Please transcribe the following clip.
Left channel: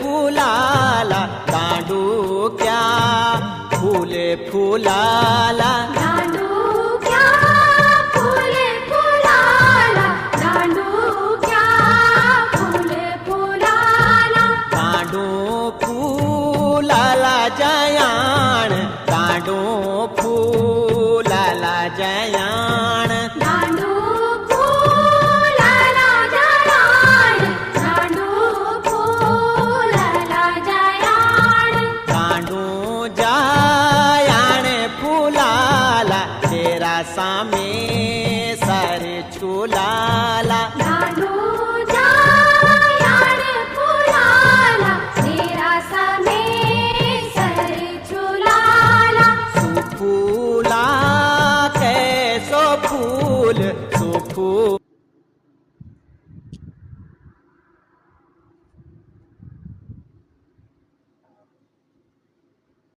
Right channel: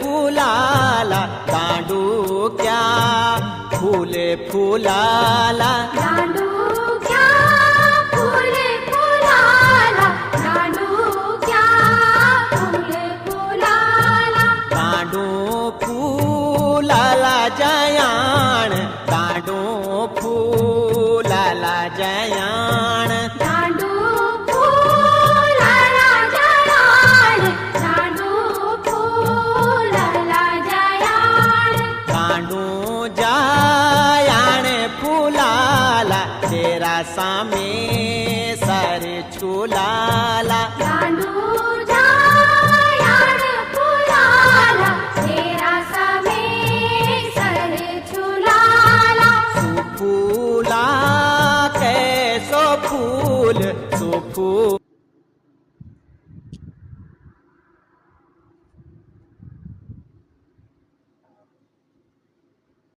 फुलाला दांडूक्या, फुले फुलाला दांडूक्या, फुले फुलाला दांडूक्या, फुले फुलाला दांडू फुलाला जयाण, दांडू फुलाला जयाण, दांडू फुलाला जयाण, दांडू फुलाला जयाण, दांडू जयाण फुलाला तेरा सामे सारे झुलाला, दांडू